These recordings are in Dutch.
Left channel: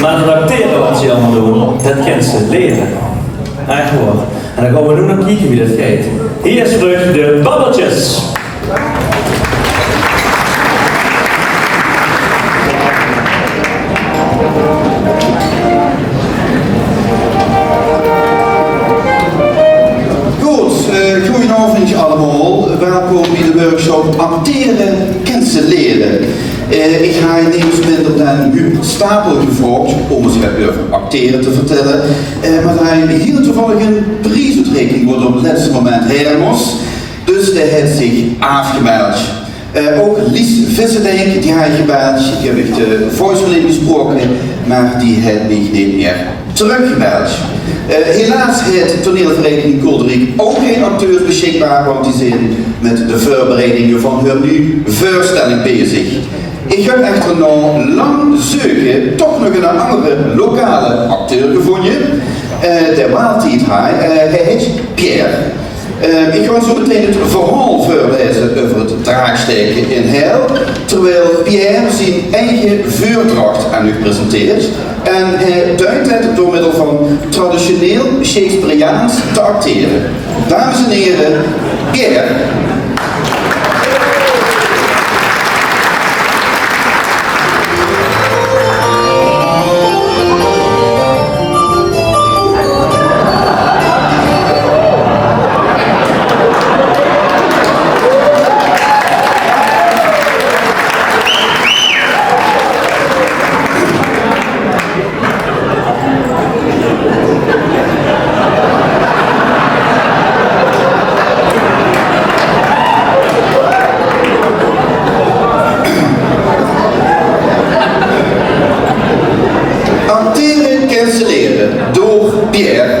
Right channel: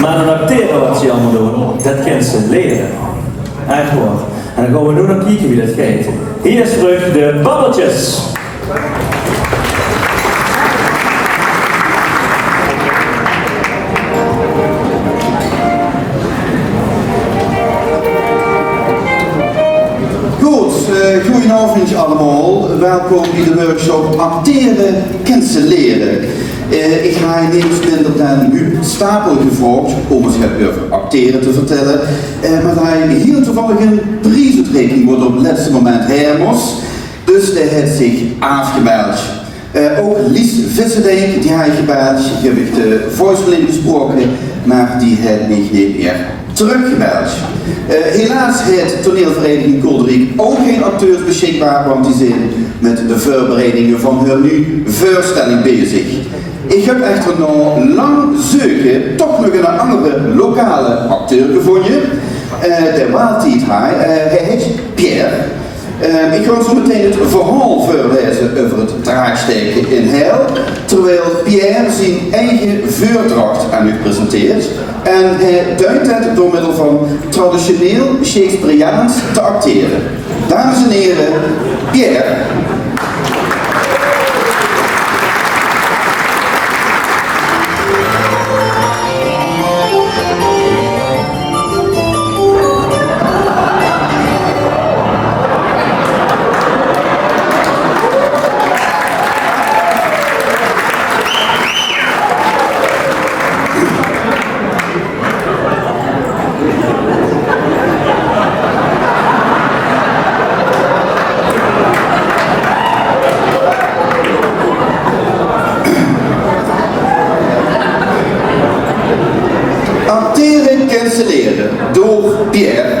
Maar dat acteren wat ze allemaal doen, dat kent ze leren. Echt wel. En dan gaan we nu nog kijken wie dat gaat. Hier is terug de Babbeltjes. Goedenavond allemaal, welkom bij de workshop Acteren cancelleren. Ik ga je niets minder dan Huub Stapel gevraagd om eens over acteren te vertellen. Maar hij hier toevallig een prijsuitreiking wordt op het laatste moment hermos. Dus hij heeft zich afgemeld. Ook Lies Visserdijk, die hij gebeld. Ik heb de voicemail gesproken, maar die heeft mij niet meer teruggebeld. Helaas heeft toneelvereniging Kolderiek ook geen acteurs beschikbaar, want die zijn met de voorbereidingen van hun nu voorstelling bezig. Ik heb echter na lang zoeken toch nog een andere lokale acteur gevonden. De waaltijd hij heet Pierre. Ik ga zo meteen het verhaal voorlezen over het draagsteken in Heil, terwijl Pierre zijn eigen vuurdracht aan u presenteert. En hij duidt het door middel van traditioneel Shakespeareaans te acteren. Dames en heren, Pierre. Door Pierre.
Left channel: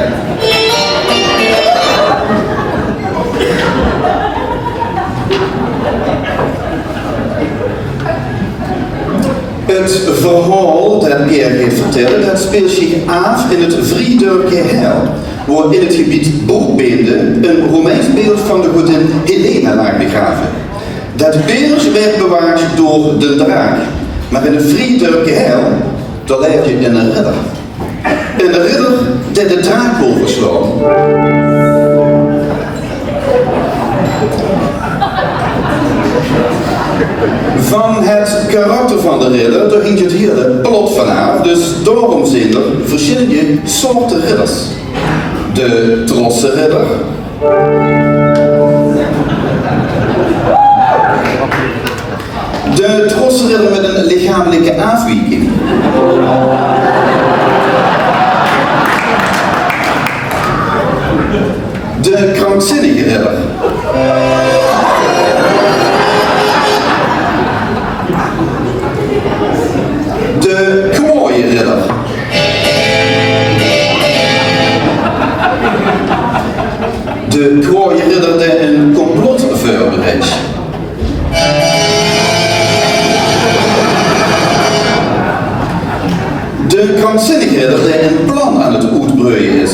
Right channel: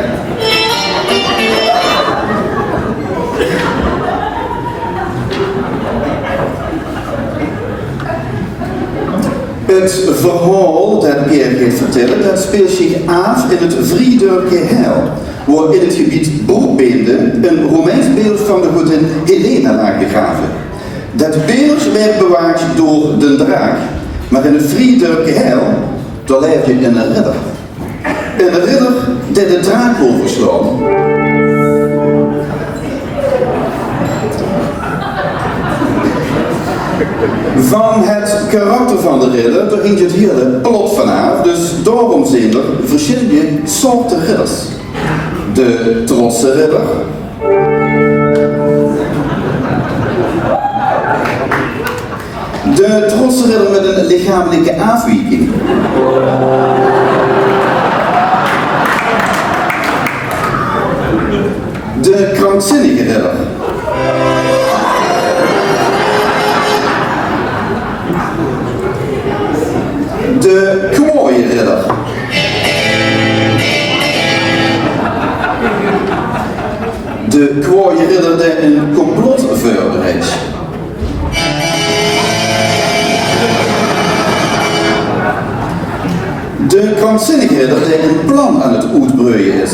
Het verhaal dat Pierre heeft vertellen, dat speelt zich af in het Vriedorpje Heil, waar in het gebied Boekbeende een Romeins beeld van de godin Helena lag begraven. Dat beeld werd bewaard door de draak, maar in het Vriedorpje Heil, daar leef je in een ridder. En de ridder die de draak wil verslaan. Van het karakter van de ridder, daar ging het hele plot vanaf, dus daarom zijn er verschillende soorten ridders. De trotse ridder. De trotse ridder met een lichamelijke afwijking. De krankzinnige ridder. De kwaaie ridder. De kwaaie ridder die een complot voorbereidt. De krankzinnige ridder die een plan aan het uitbreien is.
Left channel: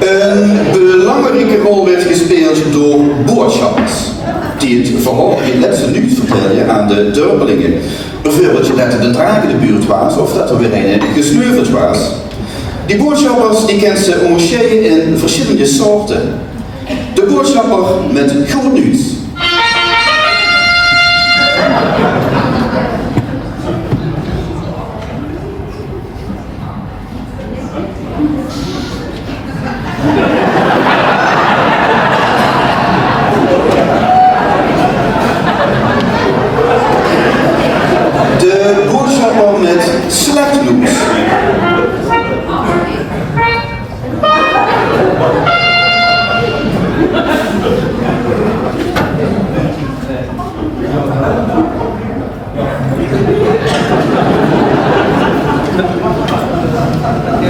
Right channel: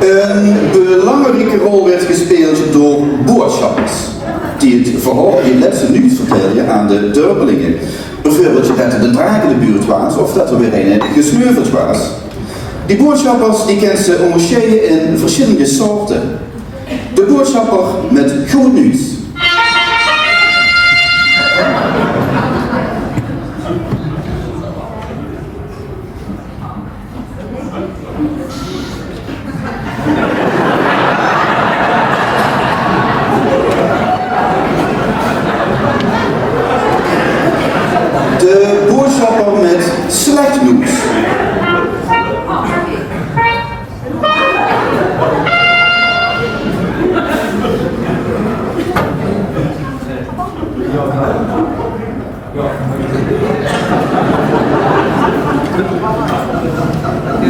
Een belangrijke rol werd gespeeld door boodschappers, die het verhaal in het laatste nieuws vertelden aan de dorpelingen. Bijvoorbeeld dat er de draak in de buurt was, of dat er weer een gesneuveld was. Die boodschappers die kent ze onderscheiden in verschillende soorten. De boodschapper met goed nieuws. De boodschapper met slecht nieuws.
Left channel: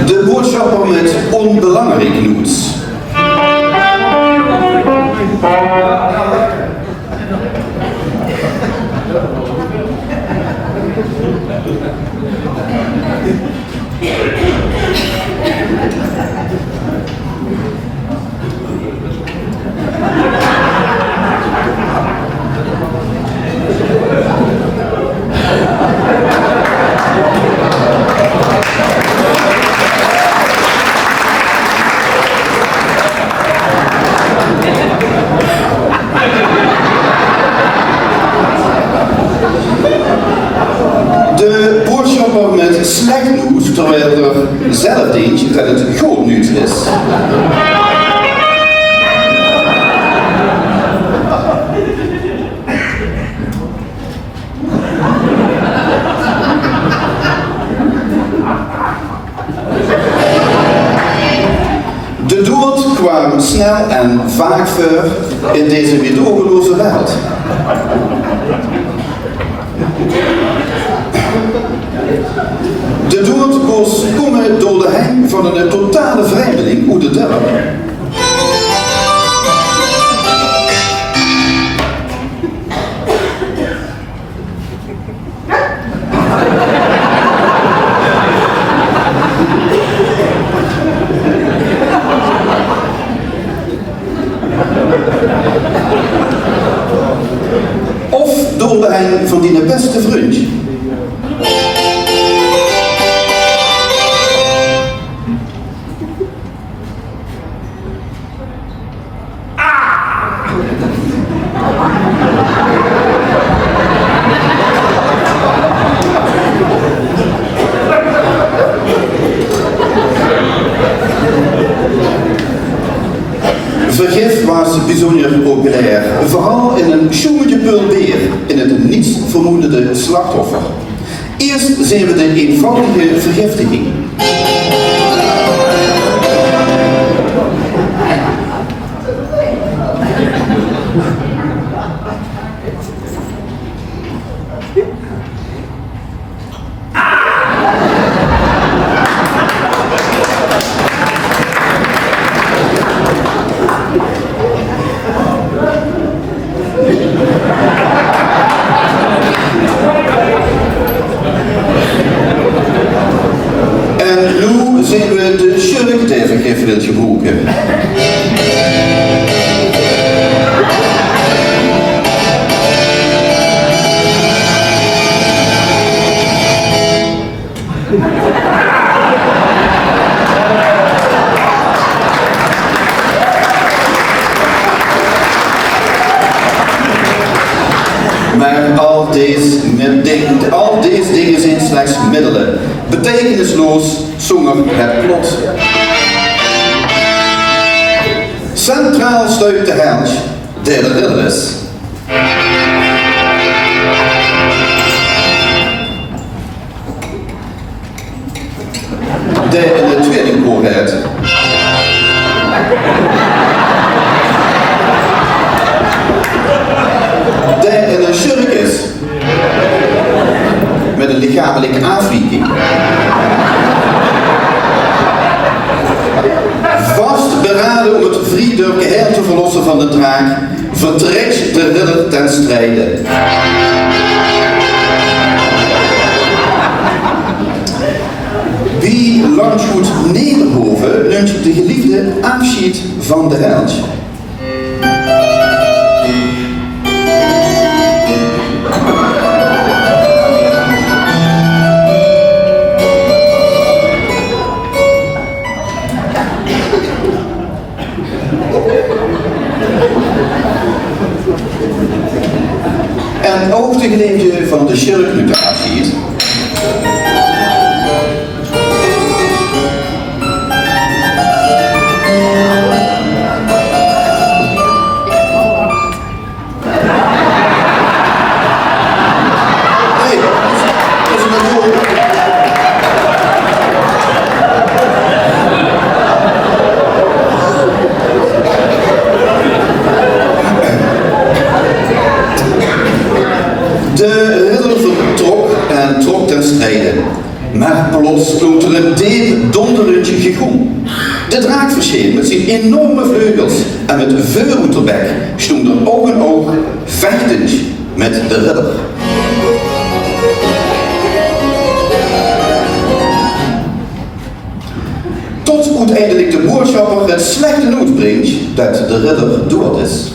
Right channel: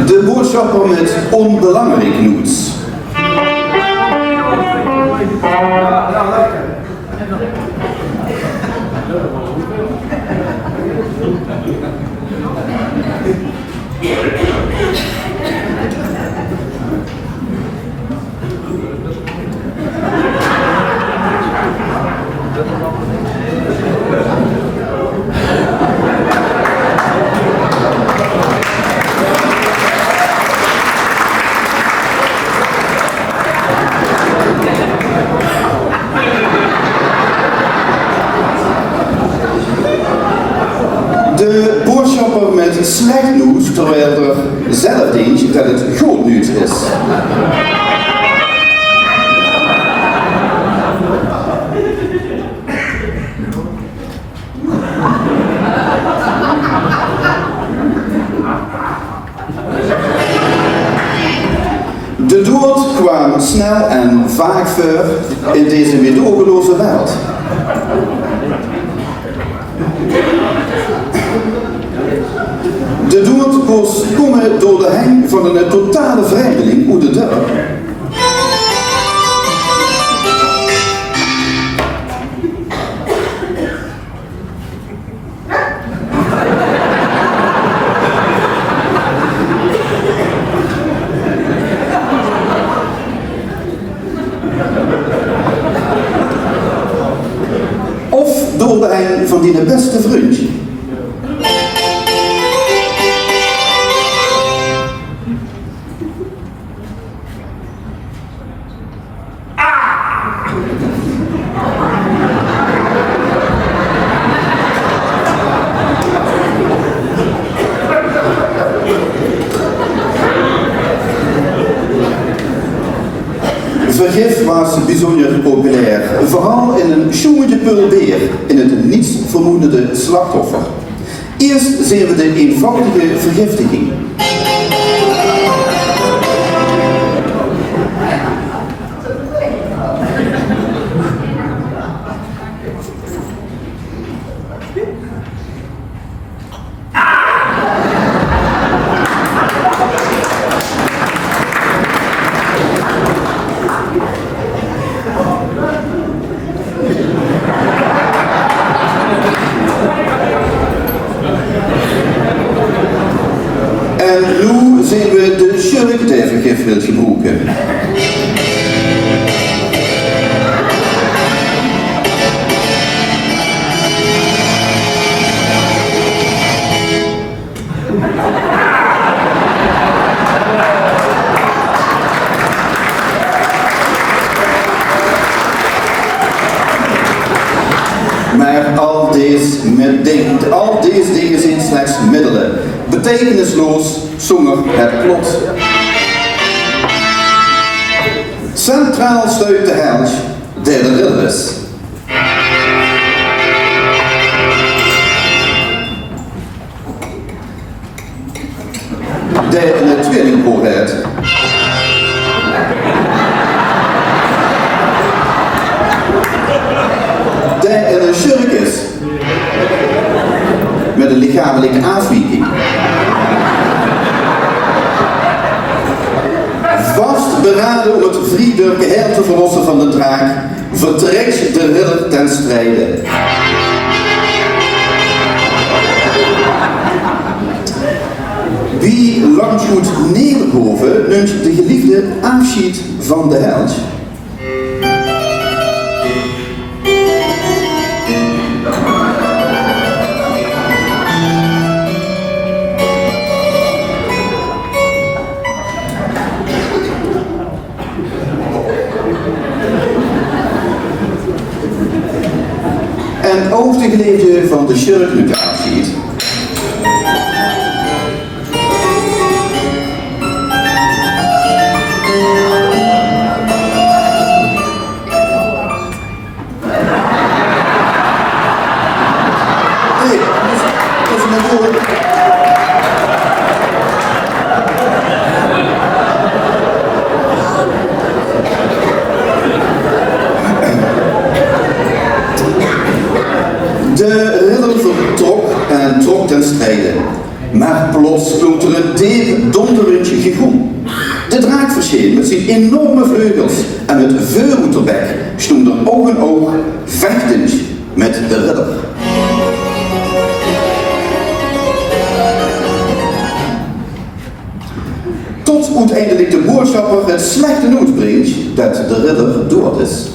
De boodschapper met onbelangrijk nieuws. De boodschapper met slecht nieuws, terwijl er zelf denkt dat het goed nieuws is. De dood kwam snel en vaak voor in deze meedogenloze wereld. De dood was komen door de hang van een totale vreemdeling uit de dorp. Of door de hang van die beste vriend. Vergif was bijzonder populair, vooral in een schoentje pulbeer, in het niets vermoedende slachtoffer. Eerst zien we de eenvoudige vergiftiging. Zien we de schurk die vergif wil gebruiken. Maar al deze dingen zijn slechts middelen, betekenisloos zonder het plot. Centraal stuit de held, die de ridder is. Die in het tweelingkoor heeft. Die in een schurk is. Met een lichamelijke afwijking. Vast beraden om het vriendelijke heer te verlossen van de draak, vertrekt de ridder ten strijde. Wie Landgoed Nederhoven neemt de geliefde afscheid van de held. En ook de geliefde van de schurk nu de afscheid. De ridder vertrok en trok ten strijde, maar plots klonk er een diep donderend gegom. De draak verscheen met zijn enorme vleugels en met vuur uit de bek stond er oog in oog vechtend met de ridder. tot uiteindelijk de boodschapper het slechte nieuws brengt dat de ridder dood is.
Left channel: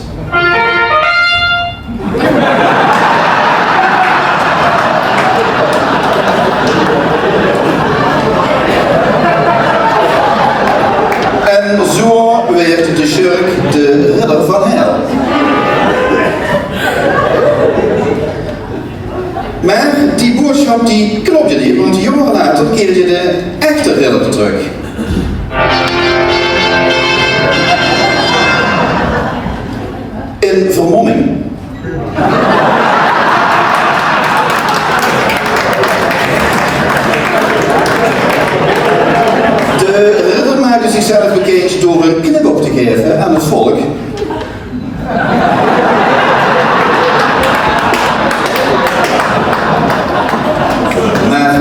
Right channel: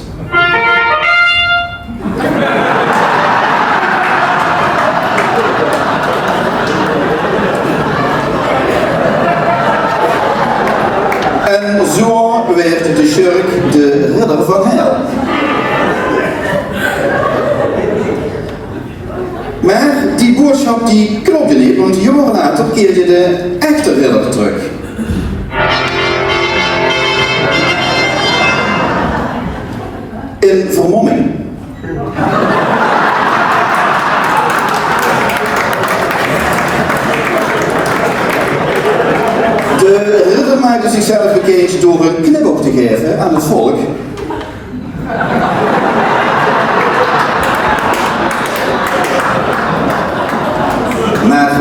En zo werd de schurk de ridder van hel. Maar die boodschap die klopte niet, want jaren later keerde de echte ridder terug. In vermomming. De ridder maakte zichzelf bekend door een knipoog te geven aan het volk. Maar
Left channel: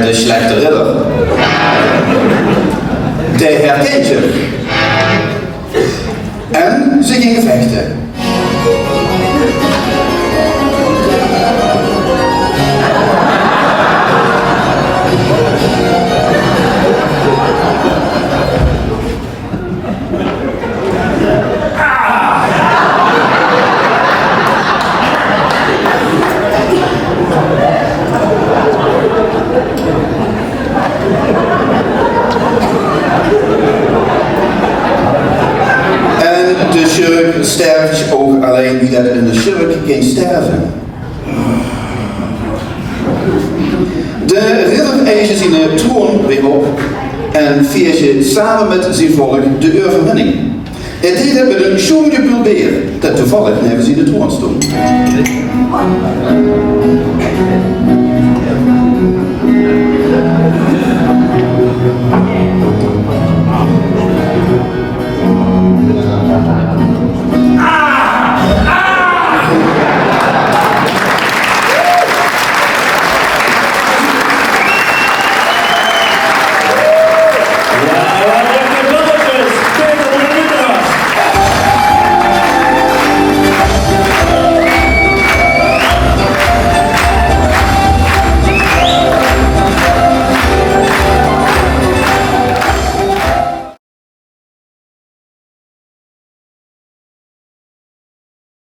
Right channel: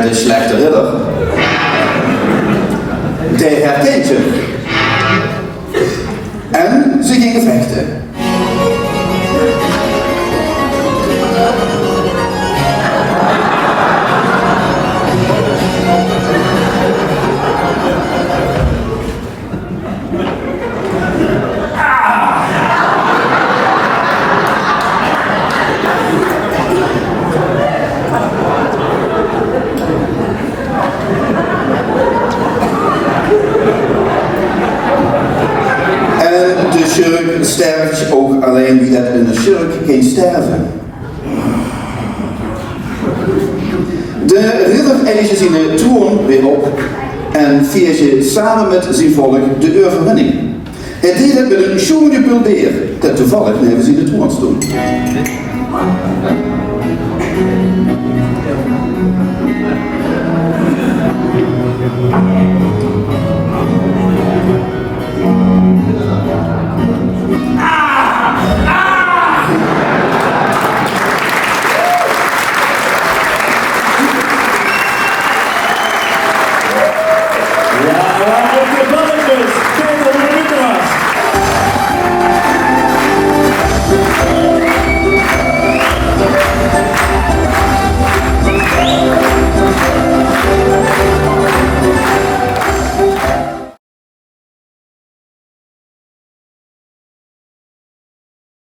de slechte ridder. De herkent hem. En ze gingen vechten. De schurk sterft ook, alleen wie dat in de schurk geen sterven. De ridder eist zijn troon weer op en viert samen met zijn volk de overwinning. Het deed het met een schoonje pulbeer dat toevallig neven zijn de troon stond.